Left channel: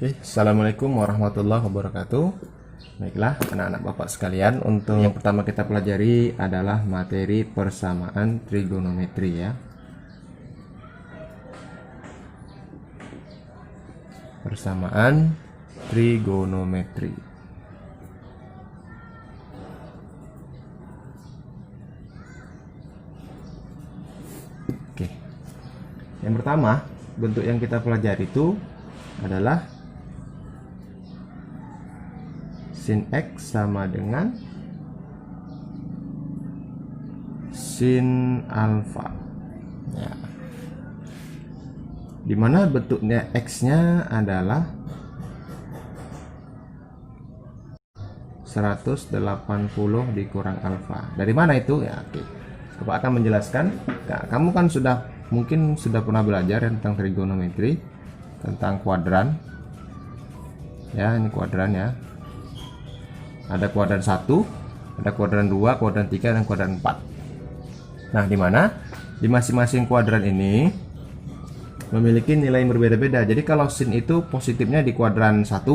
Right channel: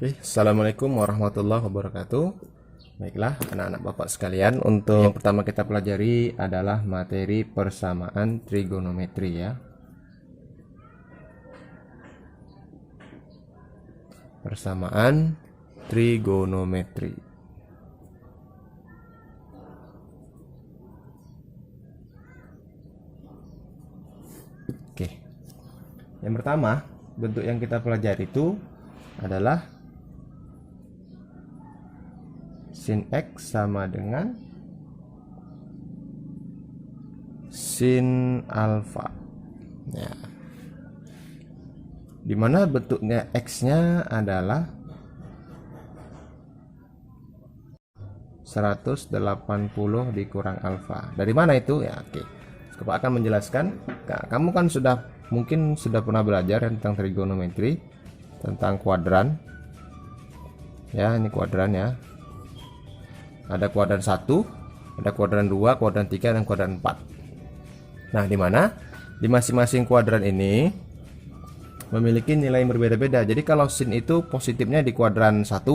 Oke, Assalamualaikum warahmatullahi wabarakatuh. Baiklah, anak-anak bapak sekalian, untuk yang pertama kita pelajari adalah materi persamaan trigonometri ya. Persamaan trigonometri. Oke. Yang pertama, bentuk yang kita pelajari itu adalah sin X sama dengan sin alfa ya, dimana bentuknya X-nya adalah 180 dikurang alfa. Dari mana itu ya? Oke, Bapak akan menjelaskan. Nah, kamu kan mungkin sudah pernah belajar tentang trigonometri, tentang kuadran ya. Ini kuadran ya, ada kuadran 1, ada kuadran 2, kuadran 3, dan kuadran 4. Nah, di mana di masing-masing kuadran ini memiliki nilai yang berbeda-beda. Jadi kalau sin itu positifnya di kuadran 1,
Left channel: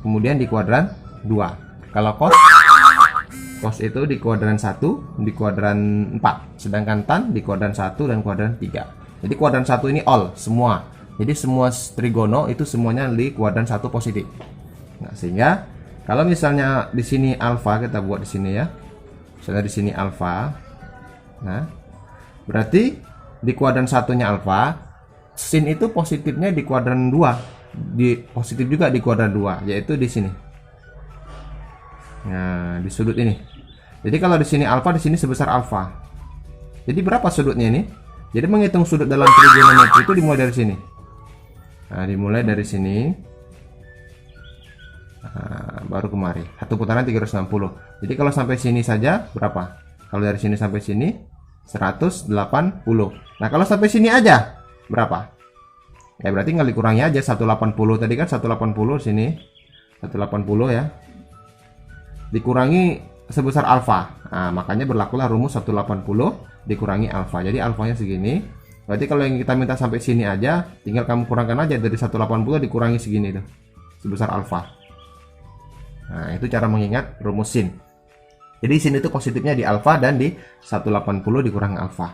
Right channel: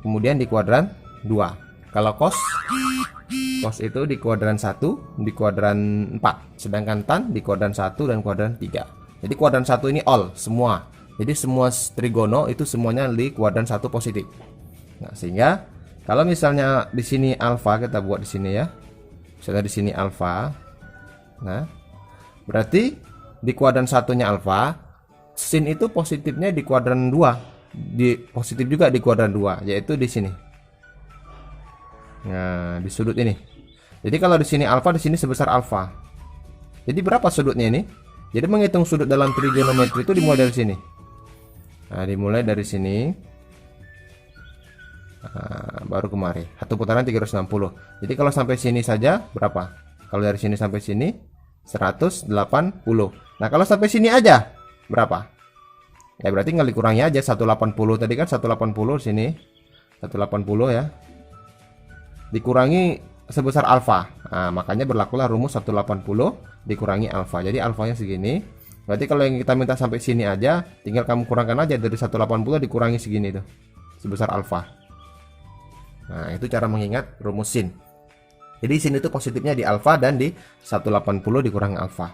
kemudian di kuadran 2. Kalau cos itu di kuadran 1, di kuadran 4. Sedangkan tan di kuadran 1 dan kuadran 3. Jadi kuadran 1 ini all, semua. Jadi semua trigono itu semuanya di kuadran 1 positif. Nah, sehingga kalau misalnya di sini alfa, kita buat di sini ya. Misalnya di sini alfa. Nah, berarti di kuadran satunya alfa, sin itu positifnya di kuadran 2. Positif juga di kuadran 2, yaitu di sini. Nah, di sudut ini. Jadi kalau di sini alfa, di sini sebesar alfa. Jadi berapa sudutnya ini? Jadi menghitung sudut dalam trigonometri itu dimulai dari sini. Nah, dimulai dari sini. Baru kemari satu putaran 360. Jadi kalau sampai sini saja berapa? Kalau dari sini sampai sini 180. Nah, kalau sampai sini aja berapa? Ya berarti tinggal dikurangi aja 180. Tadi kan 180, sini 180 ya, dikurangi sebesar alfa. Nah, makanya berlakulah rumus 180 dikurangi alfa. Jadi alfanya segini. Berarti kalau yang kita minta sampai sini aja, tinggal kamu kurangkan aja dari 180 dikurangi segini tuh, sebesar alfa. Nah, itu cara mengingat rumus sin. Jadi sin itu positifnya di alfa dan di 180 dikurangi alfa.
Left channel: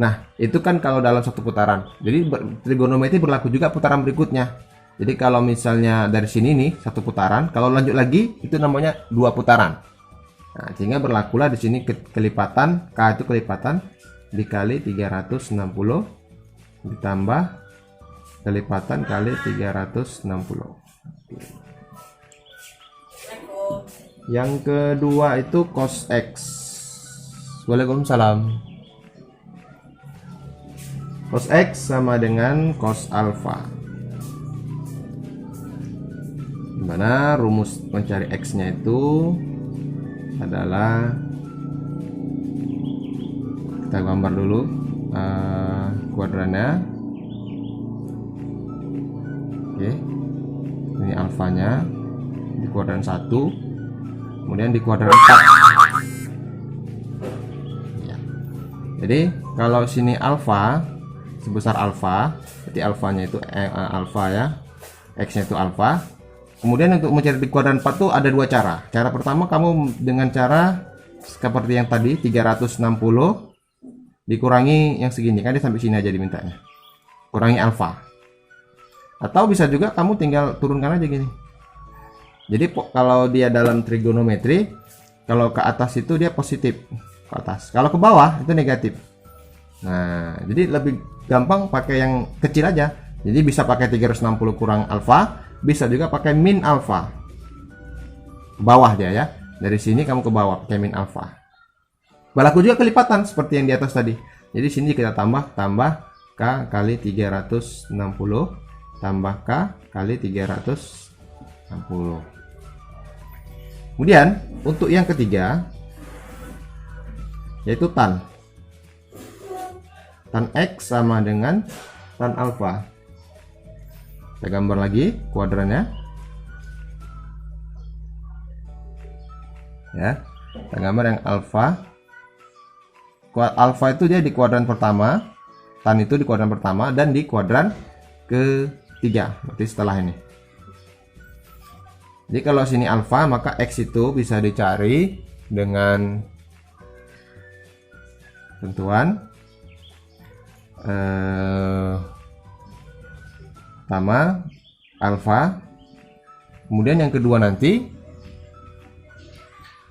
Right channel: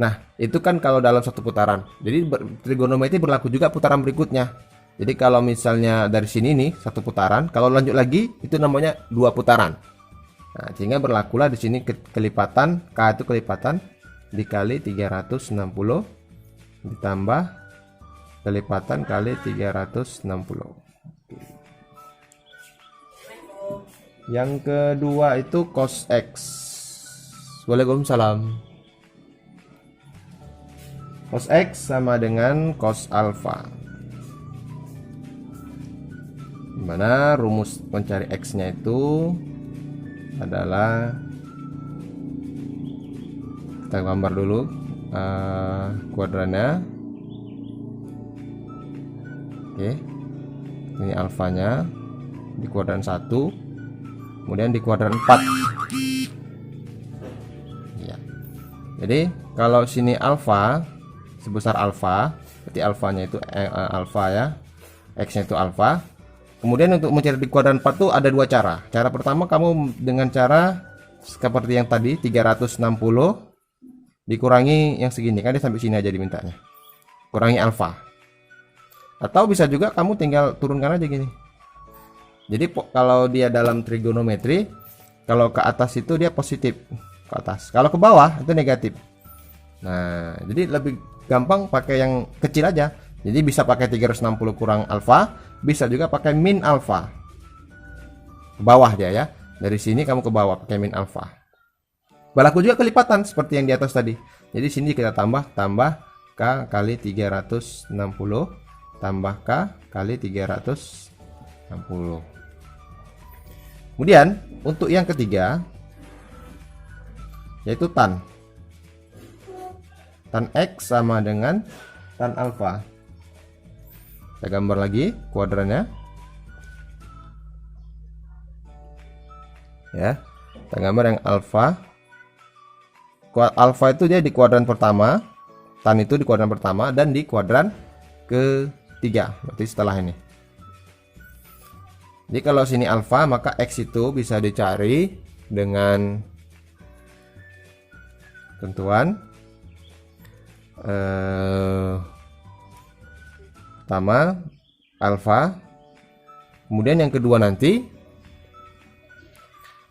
Nah, itu kan kalau dalam satu putaran. Jadi trigonometri berlaku juga putaran berikutnya. Jadi kalau misalnya dari sini nih satu putaran, kalau lanjut lagi itu namanya dua putaran. Nah, sehingga berlakulah di sini kelipatan, K itu kelipatan dikali 360 ditambah kelipatan kali 360. Yang kedua itu cos X. Waalaikumsalam. Cos X sama dengan cos alfa. Dimana rumus mencari X nya itu adalah, kita gambar dulu kuadrannya. Oke, ini alfanya di kuadran 1, kemudian di kuadran 4 ya. Jadi kalau sini alfa sebesar alfa, berarti alfanya itu alfa ya, X nya itu alfa. Kemudian untuk mencari di kuadran 4 tuh ada dua cara. Cara pertama, kamu dengan cara seperti yang tadi, 360 dikurangi yang segini, kan dia sampai sini aja dimintanya, kurangi alfa. Atau bisa juga kamu tinggal turunkan aja gini. Jadi kalau dia dalam trigonometri, kalau ke atas itu dia positif ke atas, kalau ke bawah itu negatif. Nah, jadi lebih gampang pakai yang kecil aja. Jadi bisa pakai 360 kurang alfa, bisa juga pakai min alfa. Bawah dia ya. Dari sini kamu ke bawah pakai min alfa. Berlaku juga kelipatan seperti yang di atas tadi. Jadi sini kita tambah K kali 360 tambah K kali 360. Kemudian untuk yang ketiga yaitu tan X sama dengan tan alfa. Saya gambar lagi kuadrannya ya. Kita gambar yang alfa. Alfa itu dia di kuadran pertama, tan itu di kuadran pertama dan di kuadran 3, berarti setelah ini. Jadi kalau sini alfa, maka X itu bisa dicari dengan tentuan pertama alfa, kemudian yang kedua nanti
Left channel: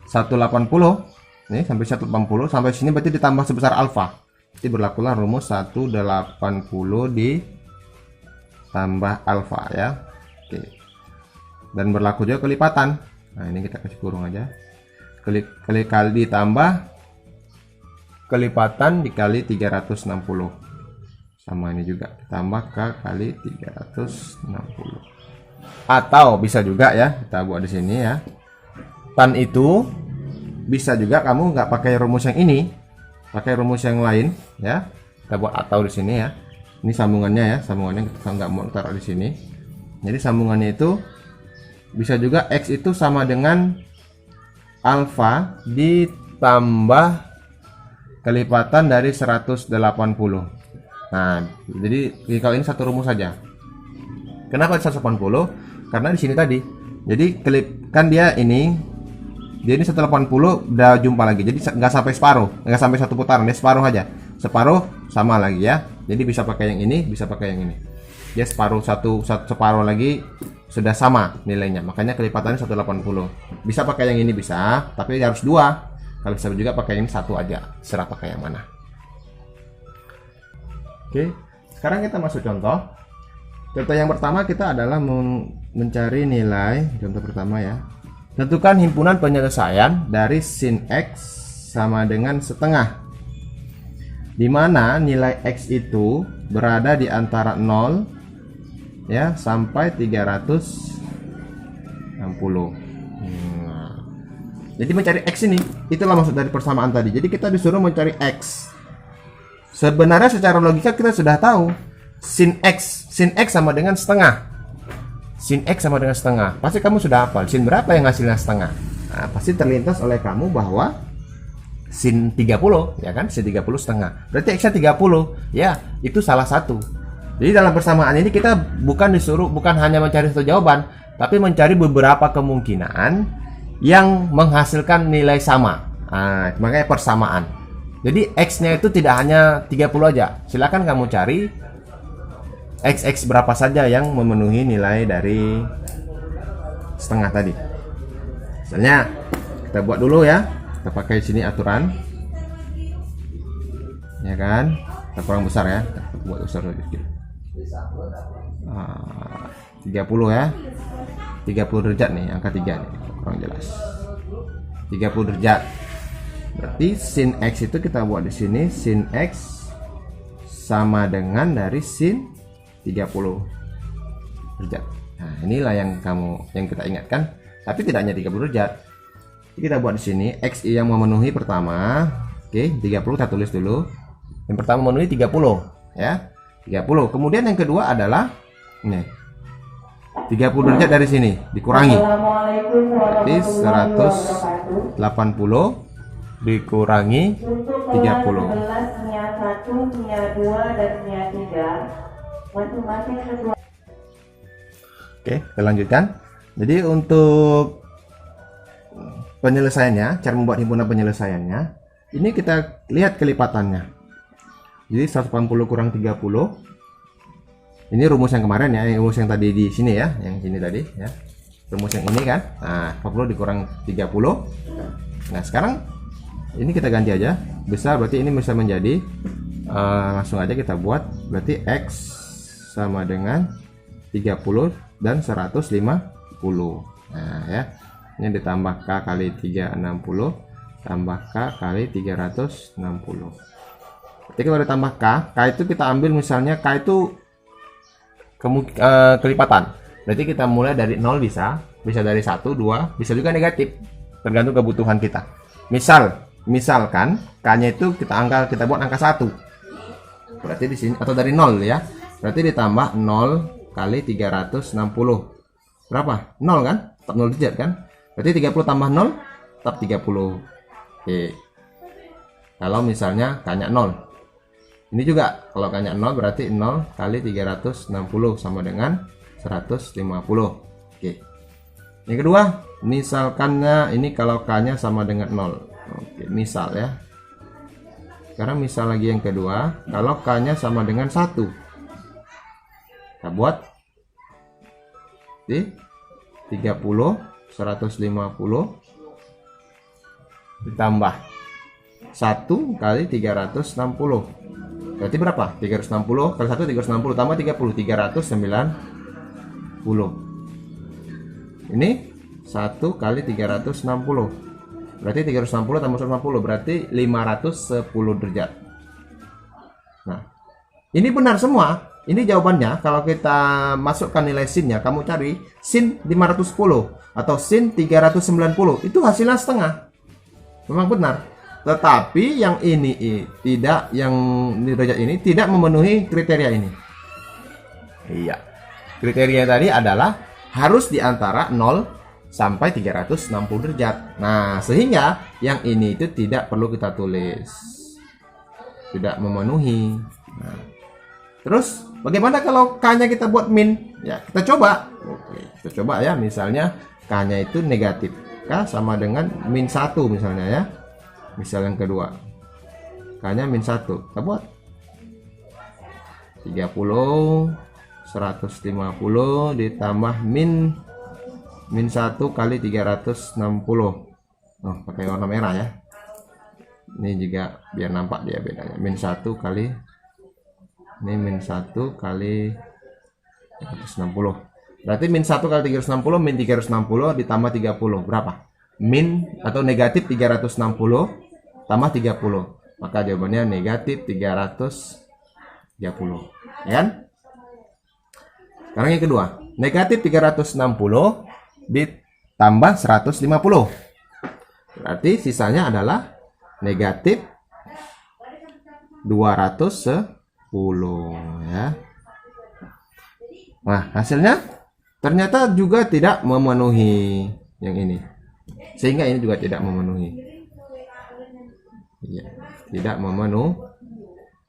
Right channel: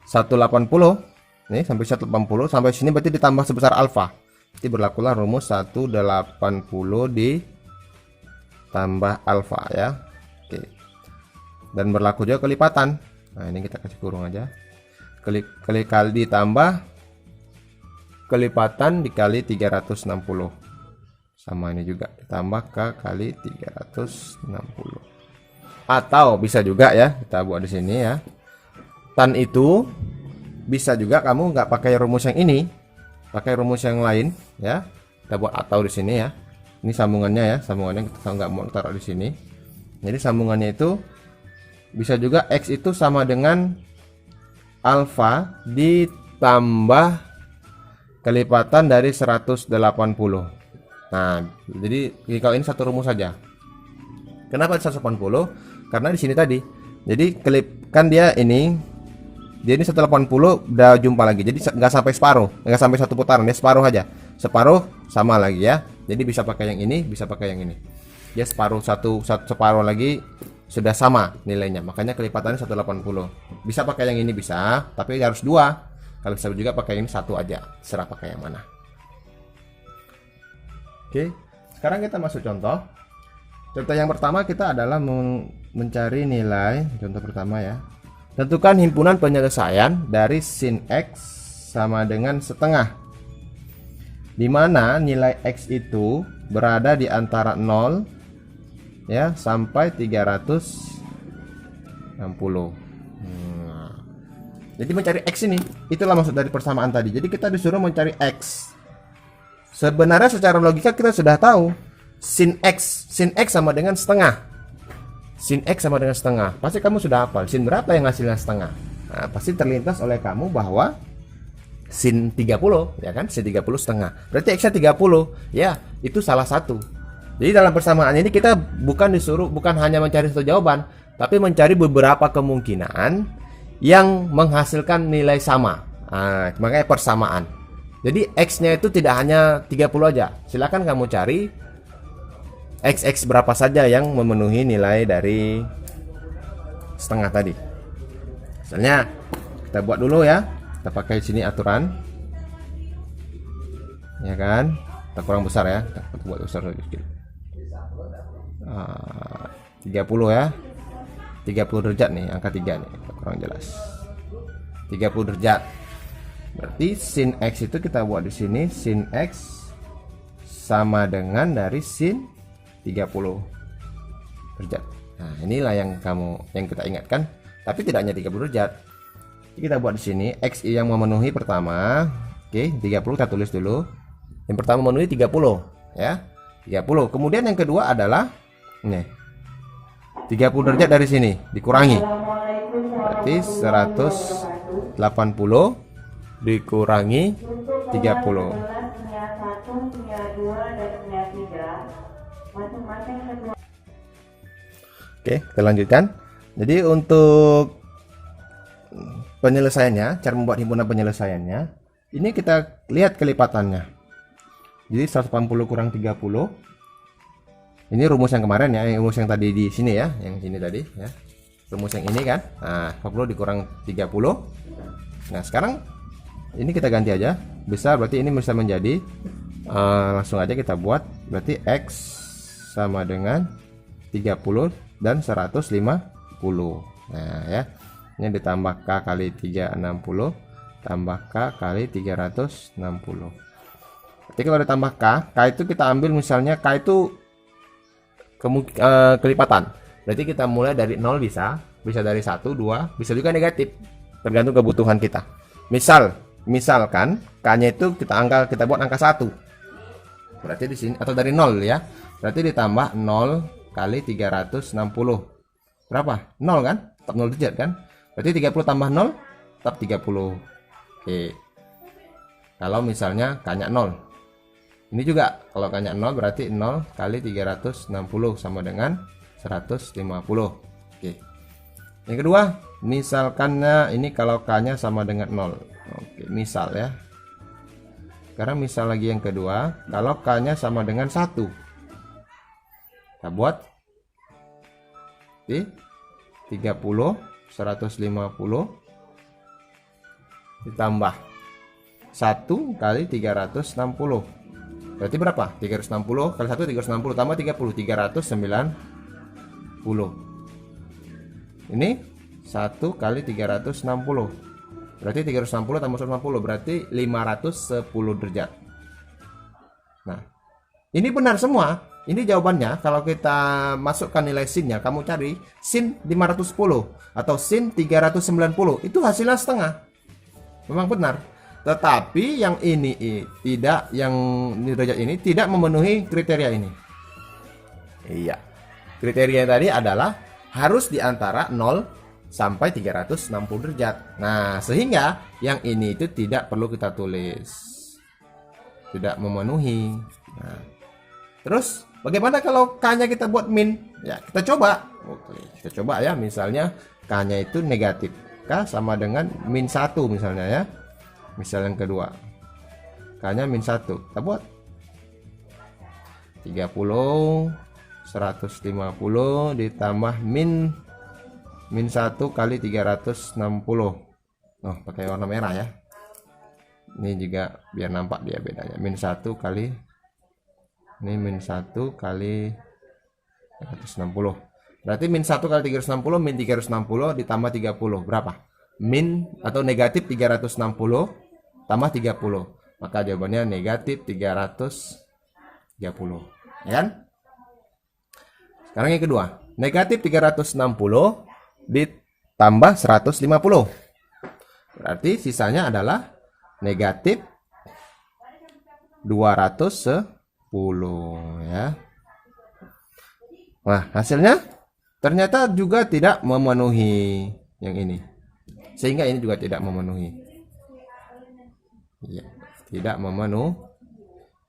180 nih, sampai 180 sampai sini berarti ditambah sebesar alfa. Jadi berlakulah rumus 180 ditambah alfa ya. Oke. Dan berlaku juga kelipatan. Nah, ini kita kasih kurung aja. Kali ditambah kelipatan dikali 360. Sama ini juga ditambah K kali 360. Atau bisa juga ya, kita buat di sini ya. Tan itu bisa juga kamu nggak pakai rumus yang ini, pakai rumus yang lain ya. Kita buat atau di sini ya. Ini sambungannya ya, sambungannya kita nggak mau taruh di sini. Jadi sambungannya itu bisa juga X itu sama dengan alfa ditambah kelipatan dari 180. Nah, jadi kalau ini satu rumus saja. Kenapa 180? Karena di sini tadi. Jadi kan dia ini 180 udah jumpa lagi. Jadi nggak sampai separuh, nggak sampai satu putaran, dia separuh aja. Separuh sama lagi ya. Jadi bisa pakai yang ini, bisa pakai yang ini. Dia separuh separuh lagi sudah sama nilainya. Makanya kelipatannya 180. Bisa pakai yang ini bisa, tapi harus dua. Kalau bisa juga pakai ini satu aja. Serah pakai yang mana. Oke, sekarang kita masuk contoh. Contoh yang pertama kita adalah mencari nilai. Contoh pertama ya. Tentukan himpunan penyelesaian dari sin X sama dengan setengah, di mana nilai X itu berada di antara 0 ya sampai 360. Jadi mencari X ini, itulah maksud dari persamaan tadi. Jadi kita disuruh mencari X. Sebenarnya secara logika kita sudah tahu sin X sama dengan setengah. Sin X sama dengan setengah. Pasti kamu sudah hafal sin berapa yang hasilnya setengah. Nah, pasti terlintas oleh kamu bahwa sin 30 ya kan, sin 30 setengah. Berarti X-nya 30. Ya, itu salah satu. Jadi dalam persamaan ini kita bukan hanya mencari satu jawaban, tapi mencari beberapa kemungkinan yang menghasilkan nilai sama. Nah, makanya persamaan. Jadi X-nya itu tidak hanya 30 aja. Silakan kamu cari X berapa saja yang memenuhi nilai dari setengah tadi. Misalnya kita buat dulu ya. Kita pakai sini aturan. Ya kan? Kita kurang besar ya. Kita buat besar sedikit. 30 ya. 30 derajat nih, angka 3 nih. Kurang jelas. 30 derajat. Berarti sin X itu kita buat di sini, sin X sama dengan dari sin 30 derajat. Nah, inilah yang kita ingatkan, tapi tidak hanya 30 derajat. Jadi kita buat di sini X yang memenuhi pertama. Oke, 30 kita tulis dulu. Yang pertama memenuhi 30 ya. 30. Kemudian yang kedua adalah ini. 30 derajat dari sini dikurangi. Berarti 180 dikurangi 30. Oke, kita lanjutkan. Jadi untuk penyelesaiannya, cara membuat himpunan penyelesaiannya, ini kita lihat kelipatannya. Jadi 180 kurang 30. Ini rumus yang kemarin ya, rumus yang tadi di sini ya, yang sini tadi ya. Rumus yang ini kan. Nah, 40 dikurang 30. Nah, sekarang ini kita ganti aja. Bisa berarti ini bisa menjadi langsung aja kita buat, berarti X sama dengan 30 dan 150. Nah, ya. Ini ditambah K kali 360 tambah K kali 360. Jadi kalau ditambah K itu kita ambil misalnya K itu kelipatan. Berarti kita mulai dari 0 bisa dari 1, 2, bisa juga negatif. Tergantung kebutuhan kita. Misalkan K-nya itu kita buat angka 1. Berarti di sini atau dari 0 ya. Berarti ditambah 0 kali 360. Berapa? 0 kan? Tetap 0 derajat kan? Berarti 30 tambah 0 tetap 30. Oke. Kalau misalnya K-nya 0. Ini juga kalau K-nya 0 berarti 0 kali 360 sama dengan 150. Oke. Yang kedua, misalkannya ini kalau K-nya sama dengan 0. Oke, misal ya. Sekarang misal lagi yang kedua, kalau K-nya sama dengan 1. Kita buat di 30, 150 ditambah 1 kali 360. Berarti berapa? 360 kali 1 360 tambah 30 390. Ini 1 kali 360. Berarti 360 tambah 150 berarti 510 derajat. Nah, ini benar semua. Ini jawabannya. Kalau kita masukkan nilai sinnya, kamu cari sin 510 atau sin 390, itu hasilnya setengah. Memang benar. Tetapi yang ini tidak, yang derajat ini tidak memenuhi kriteria ini. Iya. Kriteria tadi adalah harus di antara 0 sampai 360 derajat. Nah, sehingga yang ini itu tidak perlu kita tulis. Tidak memenuhi. Nah, terus bagaimana kalau K-nya kita buat min? Ya, kita coba. Oke, kita coba ya. Misalnya K-nya itu negatif. K sama dengan min 1 misalnya ya. Misal yang kedua. K-nya min 1. Kita buat 30 150 ditambah min 1 kali 360. Oh, pakai warna merah ya. Ini juga biar nampak dia bedanya. Min 1 kali ini min 1 kali 360. Berarti min 1 kali 360 min 360 ditambah 30 berapa? Min atau negatif 360 tambah 30. Maka jawabannya negatif 330. Ya kan? Sekarang yang kedua, negatif 360 ditambah 150. Berarti sisanya adalah negatif 210 ya. Nah, hasilnya ternyata juga tidak memenuhi yang ini. Sehingga ini juga tidak memenuhi. Ya, tidak memenuhi.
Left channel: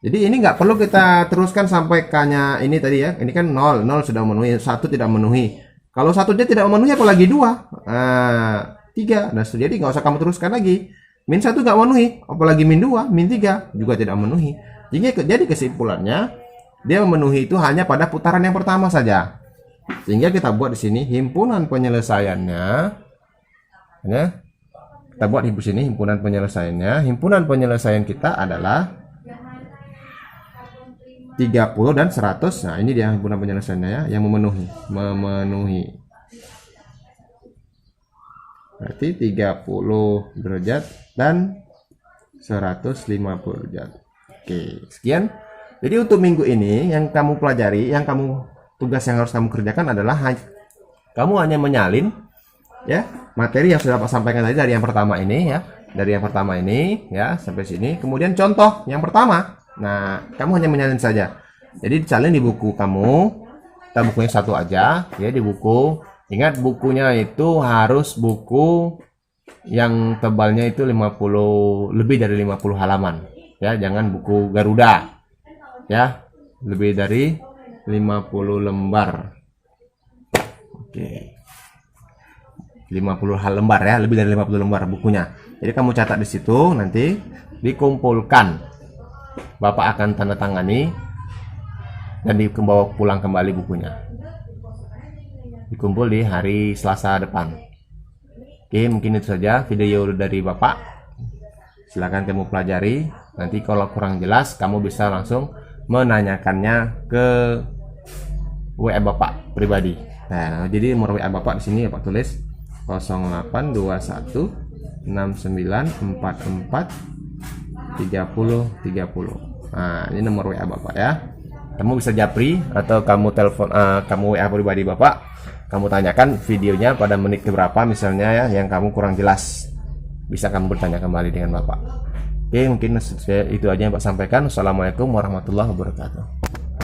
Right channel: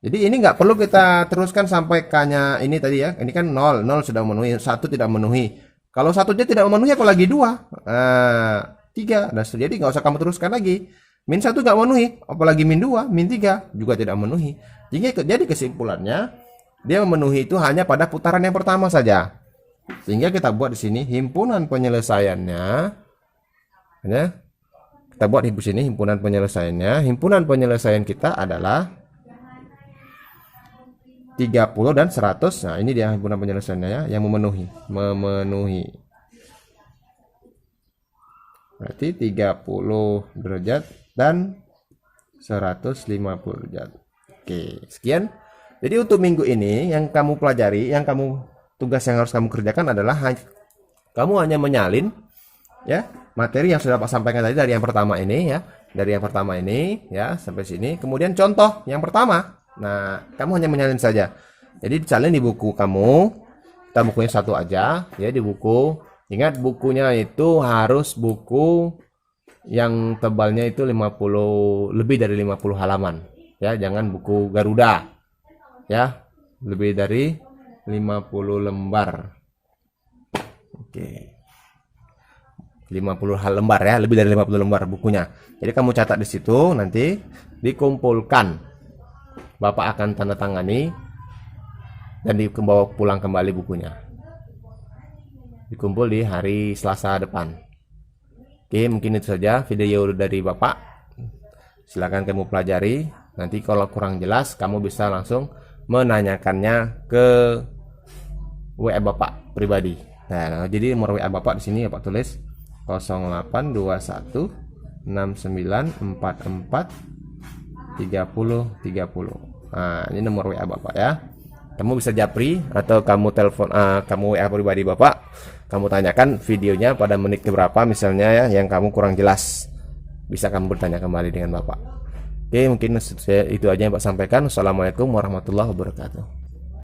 Jadi ini nggak perlu kita teruskan sampai K-nya ini tadi ya. Ini kan 0 sudah memenuhi, 1 tidak memenuhi. Kalau 1 dia tidak memenuhi apalagi 2. 3. Nah, jadi nggak usah kamu teruskan lagi. Min 1 nggak memenuhi, apalagi min 2, min 3 juga tidak memenuhi. Jadi kesimpulannya dia memenuhi itu hanya pada putaran yang pertama saja. Sehingga kita buat di sini himpunan penyelesaiannya. Ya. Kita buat di sini himpunan penyelesaiannya. Himpunan penyelesaian kita adalah 30 dan 100. Nah, ini dia himpunan penyelesaiannya ya, yang memenuhi. Berarti 30 derajat dan 150 derajat. Oke, sekian. Jadi untuk minggu ini yang kamu pelajari, tugas yang harus kamu kerjakan adalah kamu hanya menyalin ya materi yang sudah Pak sampaikan tadi dari yang pertama ini ya. Dari yang pertama ini ya sampai sini. Kemudian contoh yang pertama. Nah, kamu hanya menyalin saja. Jadi disalin di buku kamu. Kita bukunya satu aja ya di buku. Ingat bukunya itu harus buku yang tebalnya itu 50 lebih dari 50 halaman. Ya, jangan buku Garuda. Ya, lebih dari 50 lembar. Oke. 50 lembar ya, lebih dari 50 lembar bukunya. Jadi kamu catat di situ, nanti dikumpulkan. Bapak akan tanda tangani dan dibawa pulang kembali bukunya. Dikumpul di hari Selasa depan. Oke, mungkin itu saja video dari Bapak. Silakan kamu pelajari. Nanti kalau kurang jelas, kamu bisa langsung menanyakannya ke WA Bapak pribadi. Nah, jadi nomor WA Bapak di sini ya Pak tulis 0821 6944 3030. Nah, ini nomor WA Bapak ya. Kamu bisa japri atau kamu telepon, kamu WA pribadi Bapak. Kamu tanyakan videonya pada menit keberapa misalnya ya, yang kamu kurang jelas. Bisa kamu bertanya kembali dengan Bapak. Oke, mungkin itu aja yang Pak sampaikan. Wassalamualaikum warahmatullahi wabarakatuh.